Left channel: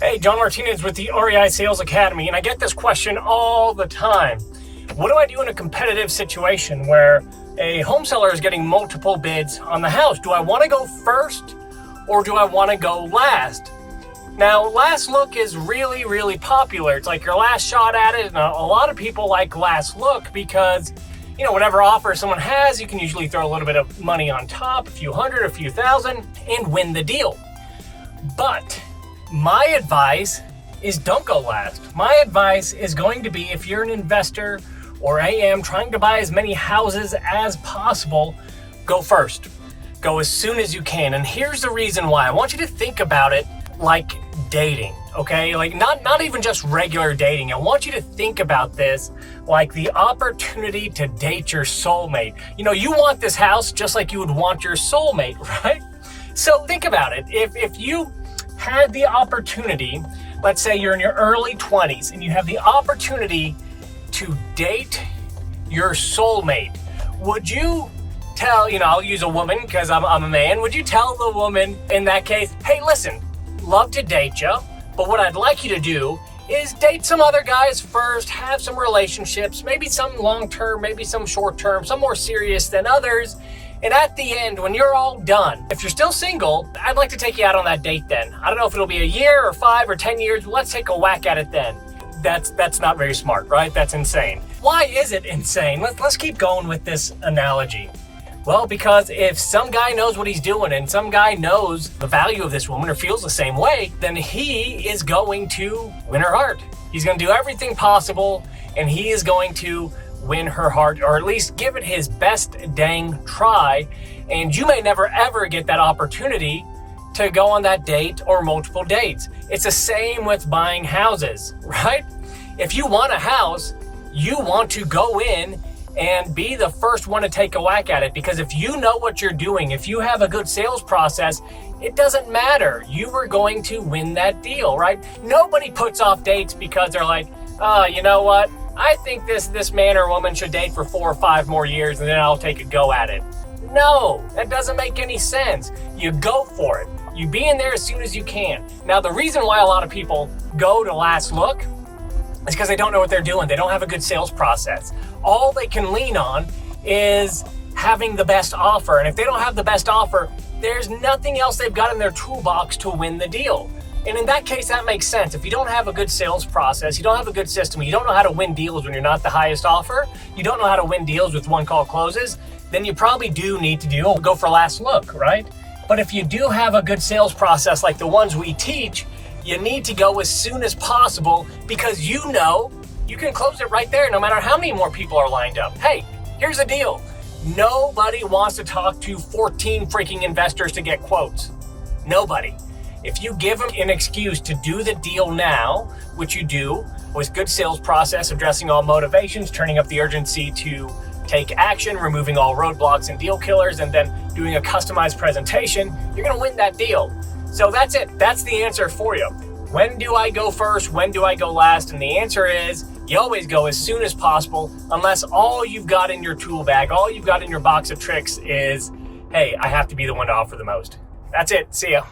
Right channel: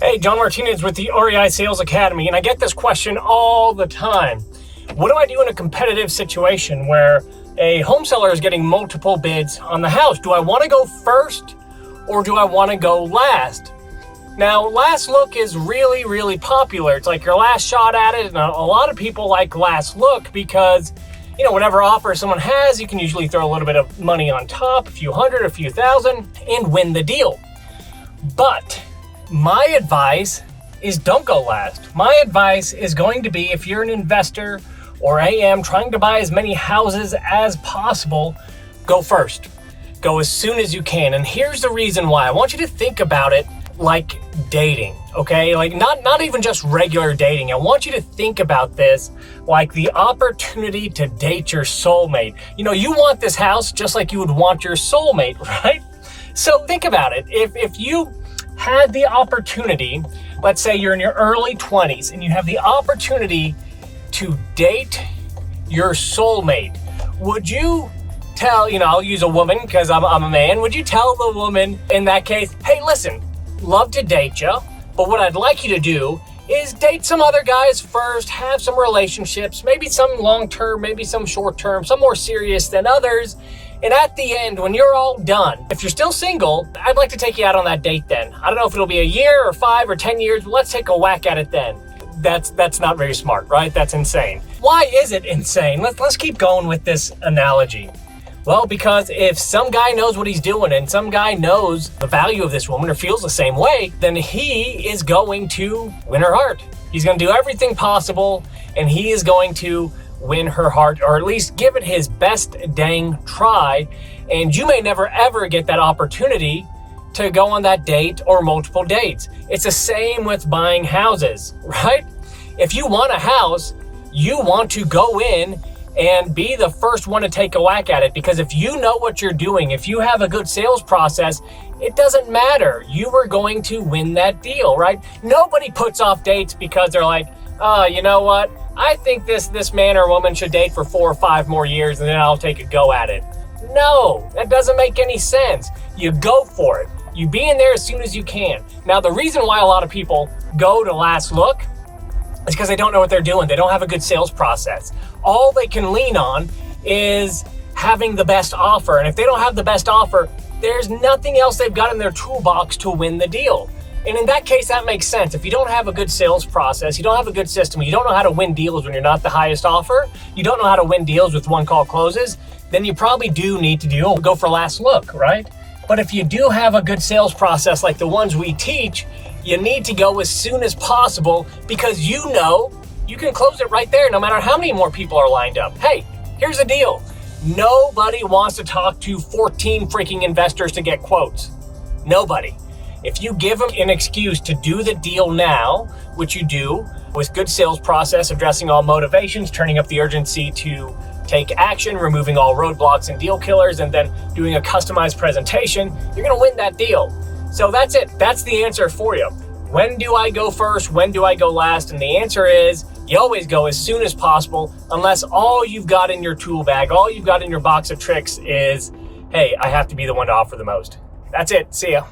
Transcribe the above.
Hey, John Martinez with the REI Sales Academy, and I get this question all the time. What do I do in a competitive situation where a home seller is getting multiple bids on the house? Do I want to go first or do I want to go last? Now, last look is really popular. It's like your last shot at it, and a lot of people like last look because, whatever offer someone has, you can usually throw a little bit of money on top, a few hundred, a few thousand, and win the deal. But my advice is don't go last. My advice is going to be, if you're an investor or AM trying to buy as many houses as possible, go first. Go as soon as you can. And here's the reason why. I want you to think about it like dating, okay? Like not even just regular dating. I want you to think about this like the opportunity to date your soulmate. You want this house just like you would want your soulmate, right? So think about it. If you had the opportunity, let's say you're in your early 20s and you have the opportunity to date your soulmate, would you tell, I'll use a woman because I'm a man, would you tell the woman in that case, hey, listen, love to date you, but what I'd like you to do is date some other guys first, have some relationships, maybe some long-term, maybe some short-term, some more serious than others, and at the end, when you're all done, if you're still single, I'd like to take you out on that date then. I don't know if it'll be a year or 5 or 10 years, but let's take a whack at it then. That's not very smart, right? That's insane. Why is it insane? Let's keep going with this analogy. Well, because if some guy knows what he's doing and some guy knows the value of this woman or feels the same way, then he is going to win her heart. He's going to do everything possible and he is going to win her heart, or at least give it his best dang try. And you may never ever get that opportunity to go on that date or multiple dates. It's the same with buying houses, right? If you want a house, you want to go in and be the first one to take a whack at it, because if you know what you're doing, if you have a good sales process, it doesn't matter. You are going to win that deal, right? Nobody puts off dates because they're like, oh, you know what? I think this man or woman should date for 4 or 5 more years and then I'll take a go at it. No, that doesn't make any sense. You go for it. You be in there as soon as you can. Now, the reason why a lot of people go to last look is because they don't know what they're doing. They don't have a good sales process. All they can lean on is having the best offer. And if they don't have the best offer, there's nothing else they've got in their toolbox to win the deal. And in that case, that makes sense. If you don't have a good sales process, you don't have a good system, you don't know how to win deals when you're not the highest offer, you don't know how to win deals with one call closes, then you probably do need to go for last look, right? But if you do have a good sales process like the ones we teach, you need to go as soon as possible, because you can close it right there no matter how many more people are lined up. Hey, here's the deal. Nobody wants to talk to 14 freaking investors to get quotes. Nobody. If you give them an excuse to do the deal now, which you do with good sales process, addressing all motivations, turning up the urgency to take action, removing all roadblocks and deal killers, and then doing a customized presentation, you're going to win that deal. So that's it. That's the answer for you. When do I go first? When do I go last? And the answer is you always go as soon as possible, unless all you've got in your tool bag, all you've got in your box of tricks is, hey, I have to be the one to offer the most. That's it. See ya.